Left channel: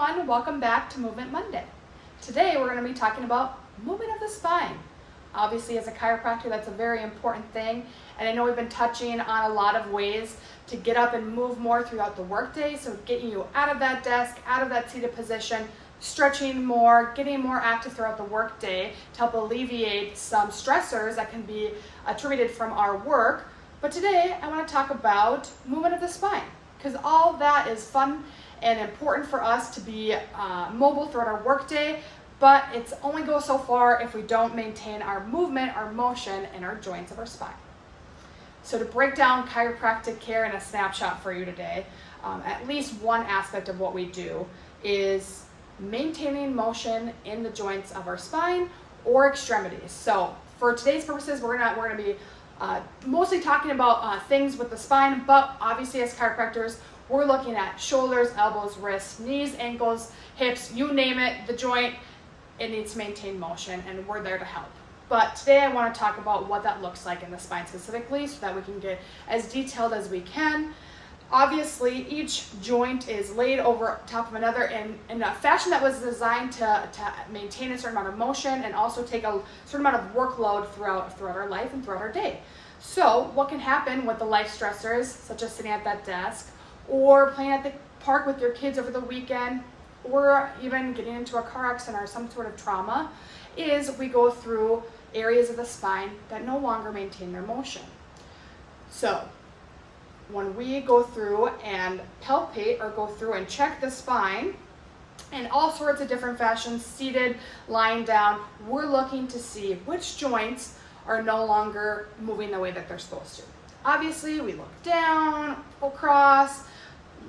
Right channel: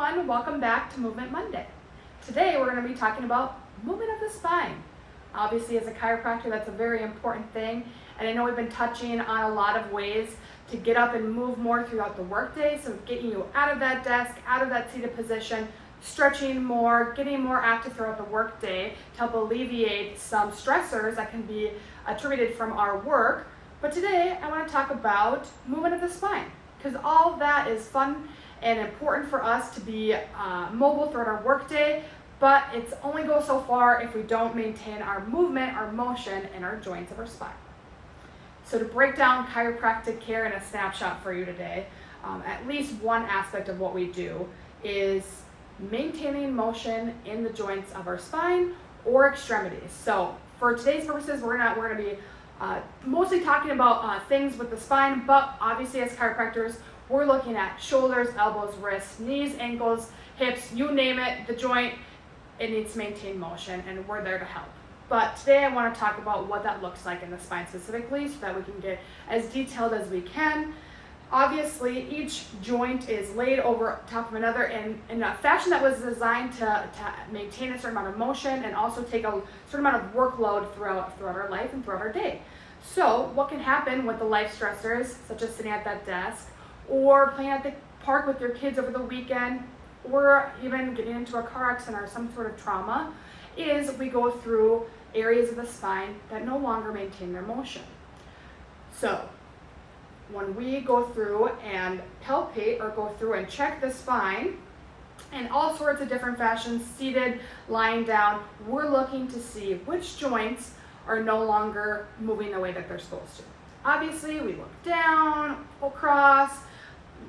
everyone, welcome back to Movement Monday. Today we're going to be talking about movement of the spine. Obviously as a chiropractor that's a very important thing, and I know we've been touching on a lot of ways to get up and move more throughout the workday, so getting you out of that desk, out of that seated position, stretching more, getting more active throughout the workday to help alleviate some stressors that can be attributed from our work. But today I want to talk about movement of the spine, because all that is fun and important for us to be mobile throughout our workday, but it's only goes so far if we don't maintain our movement, our motion, and our joints of our spine. So to break down chiropractic care in a snapshot for you today, at least one aspect of what we do is maintaining motion in the joints of our spine or extremities. So for today's purposes, we're gonna be mostly talking about things with the spine, but obviously as chiropractors, we're looking at shoulders, elbows, wrists, knees, ankles, hips, you name it, the joint, it needs to maintain motion, and we're there to help. But today I want to talk about what that looks like in the spine specifically so that we can get as detailed as we can. Obviously, each joint is laid over top of another in a fashion that was designed to maintain a certain amount of motion and also take a certain amount of workload throughout our life and throughout our day. So what can happen with the life stressors, such as sitting at that desk, or playing at the park with your kids over the weekend, or even getting into a car accident or some sort of trauma, is we go through areas of the spine that no longer maintain their motion. So when we go through and palpate or go through and check the spine in all sorts of different fashions, seated, lying down, we're looking to see which joints are no longer moving the way that they're supposed to. Obviously, we look down, across,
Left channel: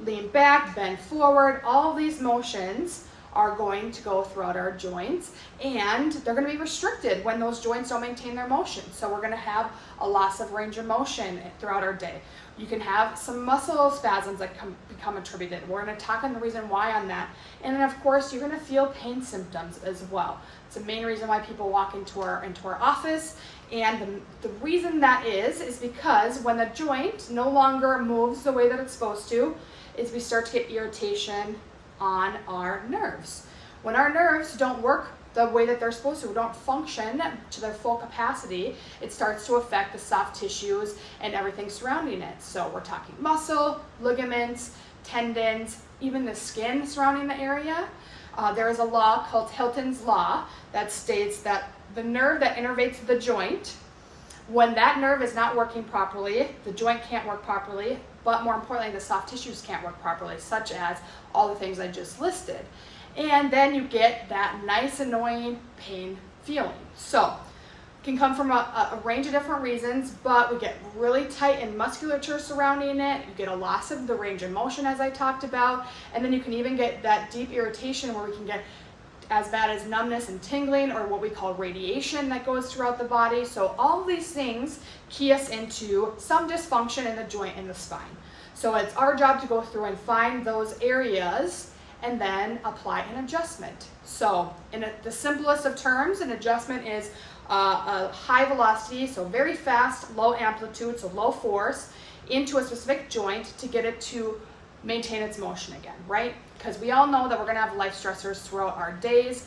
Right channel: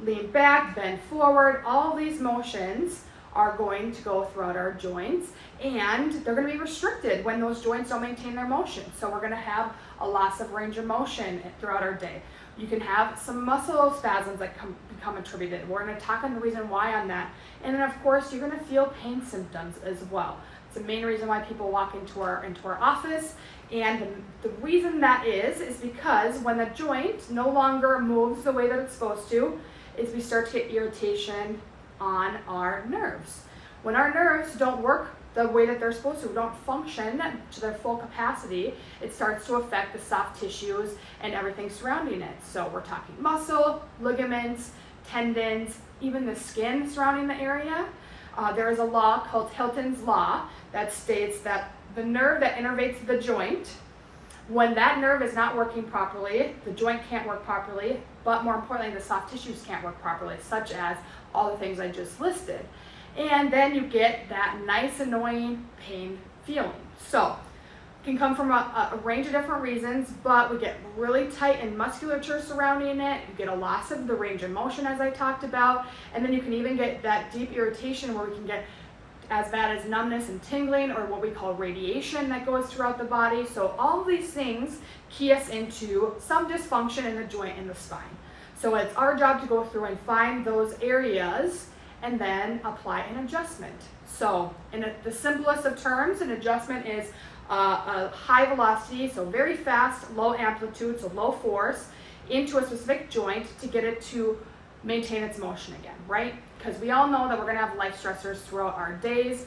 lean back, bend forward. All these motions are going to go throughout our joints, and they're going to be restricted when those joints don't maintain their motion. So we're going to have a loss of range of motion throughout our day. You can have some muscle spasms that become attributed. We're going to talk on the reason why on that. And then of course you're going to feel pain symptoms as well. It's the main reason why people walk into our office, and the reason that is because when the joint no longer moves the way that it's supposed to, is we start to get irritation on our nerves. When our nerves don't work the way that they're supposed to, don't function to their full capacity, it starts to affect the soft tissues and everything surrounding it. So we're talking muscle, ligaments, tendons, even the skin surrounding the area. There is a law called Hilton's Law that states that the nerve that innervates the joint, when that nerve is not working properly, the joint can't work properly, but more importantly, the soft tissues can't work properly, such as all the things I just listed. And then you get that nice, annoying pain feeling. So it can come from a range of different reasons, but we get really tight in musculature surrounding it. You get a loss of the range of motion, as I talked about, and then you can even get that deep irritation where we can get as bad as numbness and tingling, or what we call radiation that goes throughout the body. So all of these things key us into some dysfunction in the joint in the spine. So it's our job to go through and find those areas and then apply an adjustment. So in the simplest of terms, an adjustment is a high velocity, so very fast, low amplitude, so low force, into a specific joint to get it to maintain its motion again, right? Because we all know that we're gonna have life stressors throughout our days.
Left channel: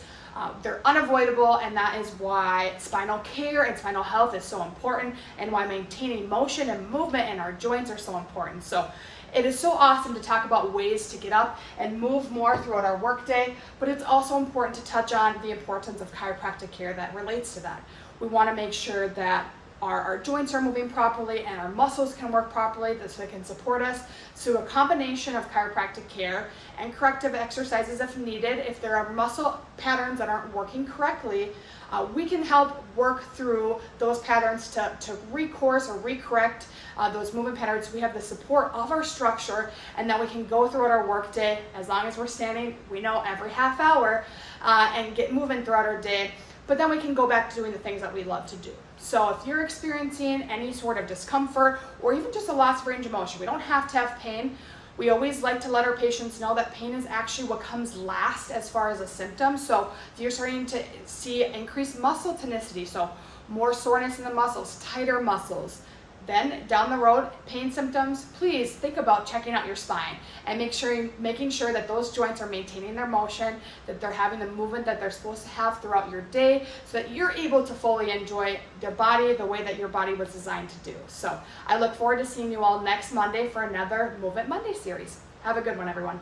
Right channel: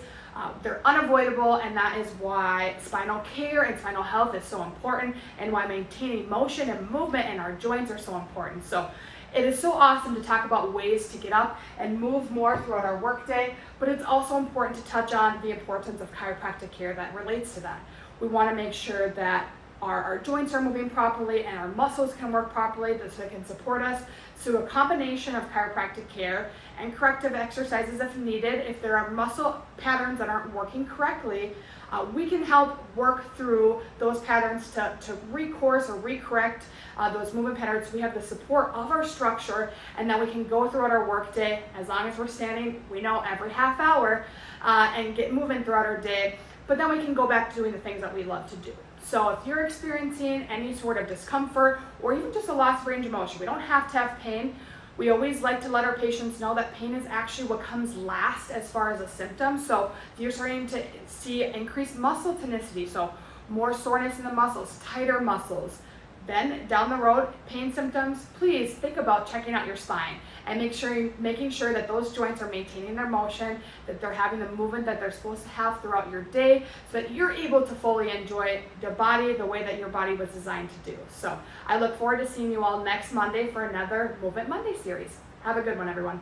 They're unavoidable, and that is why spinal care and spinal health is so important, and why maintaining motion and movement in our joints are so important. So it is so awesome to talk about ways to get up and move more throughout our workday, but it's also important to touch on the importance of chiropractic care that relates to that. We want to make sure that our joints are moving properly and our muscles can work properly so they can support us. So a combination of chiropractic care and corrective exercises if needed. If there are muscle patterns that aren't working correctly, we can help work through those patterns to recourse or recorrect those movement patterns. We have the support of our structure, and then we can go throughout our workday, as long as we're standing, we know, every half hour, and get moving throughout our day. But then we can go back to doing the things that we love to do. So if you're experiencing any sort of discomfort or even just a loss of range of motion, we don't have to have pain. We always like to let our patients know that pain is actually what comes last as far as a symptom. So if you're starting to see increased muscle tonicity, so more soreness in the muscles, tighter muscles, then down the road, pain symptoms, please think about checking out your spine and making sure that those joints are maintaining their motion, that they're having the movement that they're supposed to have throughout your day, so that you're able to fully enjoy the body the way that your body was designed to do. So I look forward to seeing you all next Monday for another Movement Monday series. Have a good one, everyone.